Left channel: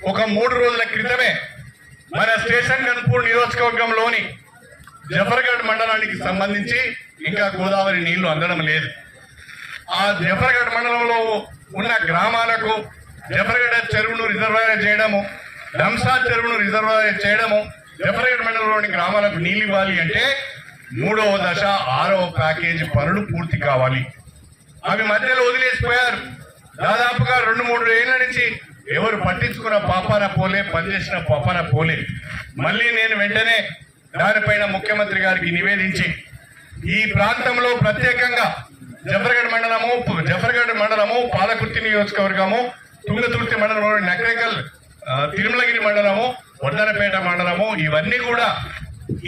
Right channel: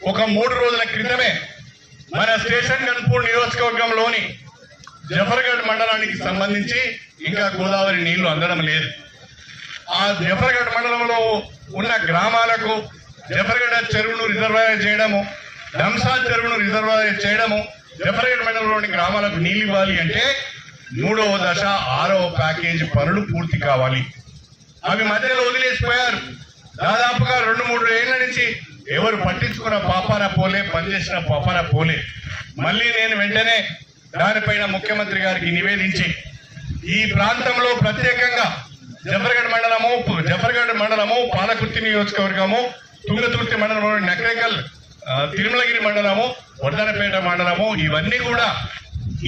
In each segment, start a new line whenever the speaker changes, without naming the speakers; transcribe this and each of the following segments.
ఒక మూడు రోజుల క్రితమే మన స్టేషన్ గన్పూర్ నియోజకవర్గంలోని జఫర్గఢ్ మండలానికి సంబంధించి ఇంకా గోదావరి నీళ్ళు అందడం లేదు. ఆ జఫర్గఢ్ మండలంలో ఉన్న గ్రామాలకు జఫర్గఢ చెరువును రిజర్వాయర్ చేయడము రంసాద్ చెరువును రిజర్వాయర్ చేయడము జఫర్గఢ్ మండలంలోని గ్రామాలకు నీళ్ళు ఇవ్వాలి అంటే మూడవ దశ ఆరవ ప్యాకేజీ పనులు పూర్తి కావాలి. అవి మధ్యలో వదిలేసిపోయారు దాదాపుగా రెండు మూడు ఏళ్ళ నుంచి ఎవరు పట్టించుకున్న పాపాన పోలే పనిచేసిన పాపాన పోలే. మళ్ళీ నేను వెంటనే దానిపైన ముఖ్యమంత్రి గారికి నివేదించి ఈ ప్రాంతంలో ప్రత్యేకంగా జఫర్గఢ్ మండలము జఫర్గఢ్ మండలము పాలకుర్తి నియోజకవర్గము తుంగతుర్తి మండలము నకరేకల్ తిరుమలగిరి మండలము వడ్డరపేట మండలము ఇవన్నీ కూడా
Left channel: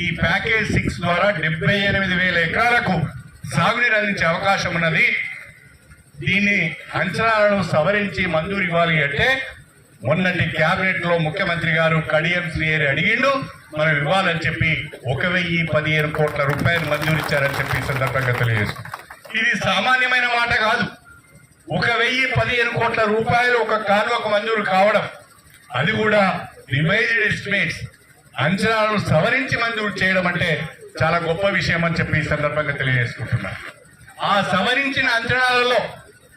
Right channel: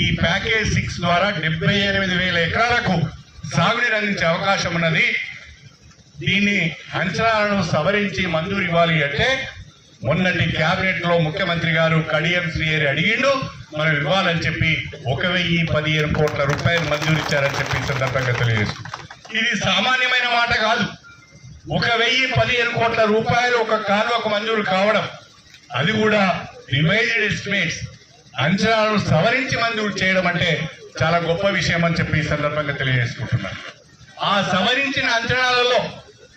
ఈ ప్యాకేజ్ సిక్స్ ద్వారా డెబ్బై ఎనిమిది వేల ఎకరాలకు సాగునీరు అందించే అవకాశం ఉన్నది. దీన్ని అంచనాలను సవరించి మంజూరు ఇవ్వాలి అంటే మొన్నటి కేబినెట్లో ముఖ్యమంత్రి గారు కడియం శ్రీహరి అడిగిండు మనం ఇవ్వాలని చెప్పి ఒక వెయ్యి పదిహేను కోట్ల రూపాయలు మంజూరు ఇచ్చారని చెప్పి సందర్భంగా తెలియజేస్తుంది ఇది సామాన్యమైన మాట కాదు. ఒక వెయ్యి పదిహేను కోట్ల రూపాయలు ఒక కాలువకు మంజూరు కావడం అది కూడా డివైడెడ్ ఎస్టిమేట్స్ అంచనాలను సవరించి మంజూరు చేయడం అంటే చాలా గొప్ప విషయం అని చెప్పి ఈ సందర్భంగా తెలియజేసుకుంటున్నాను ఆ సవరించిన అంచనాలలో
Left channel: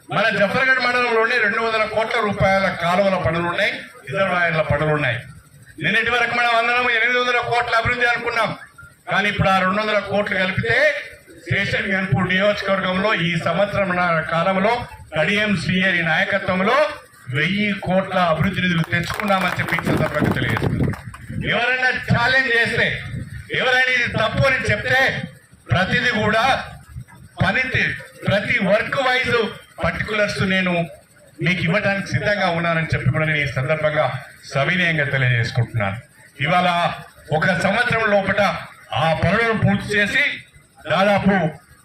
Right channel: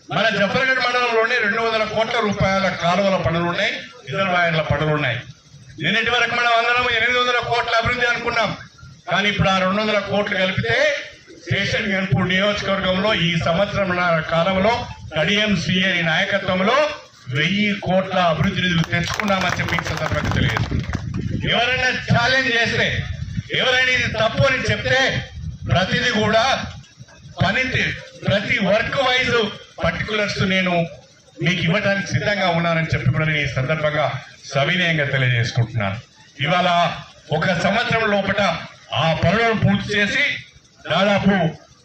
మన జఫర్గఢ్ మండలంలోనే రెండు వందల కోట్ల రూపాయల కాలువల పనులు ఉన్నాయి రిజర్వాయర్ల పనులు ఉన్నాయి నిన్నటి వరకు మనం ఎనిమిది వందల కోట్ల అభివృద్ధి అనుకున్నాం. కానీ ఇప్పుడు ఆ రెండు వందల కోట్లు కలిపితే స్టేషన్ గన్పూర్ నియోజకవర్గంలో ఈ సంవత్సరం కాలంలో కడియం సిఐ నాయకత్వంలో వెయ్యి కోట్ల అభివృద్ధి నిధులు తెచ్చుకున్నామని చెప్పి సందర్భంగా తెలియజేస్తుంది ఎవరైనా ఛాలెంజ్ చేస్తే ఎవరైనా ఇది తప్పు అని చెప్తే ప్రతిదీ కూడా పని ప్రతి వర్క్ వైజ్ పర్టికులర్స్ నేను మీకు ఇవ్వడానికి సిద్ధంగా ఉన్నానని చెప్పి కూడా నేను ఈ సందర్భంగా సవినయంగా తెలియజేసుకుంటున్నాను. ఇవాళ ఒక సంవత్సరం లోపల ఆ పనులను పూర్తి చేసి దాదాపు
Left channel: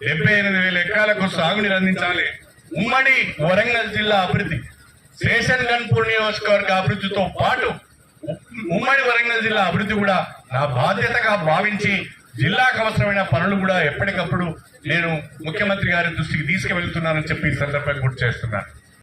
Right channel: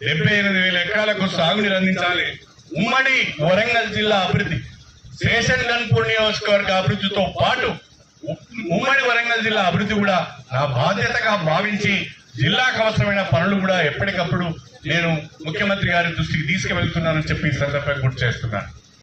డెబ్బై ఎనిమిది వేల ఎకరాలకు సాగునీరు అందించాలి. ఉమ్మడి వరంగల్ జిల్లా అభివృద్ధి శేషన్ గన్పూర్ నియోజకవర్గ అభివృద్ధితో పాటు ఉమ్మడి వరంగల్ జిల్లా అభివృద్ధి కూడా నా బాధ్యతగా భావించి జిల్లాకు అవసరమైన పనులు కూడా ఎప్పటికప్పుడు నేను ముఖ్యమంత్రి గారి దృష్టికి తీసుకువెళ్తున్నానని చెప్పి ఈ సందర్భంగా గుర్తు చేస్తున్నాను.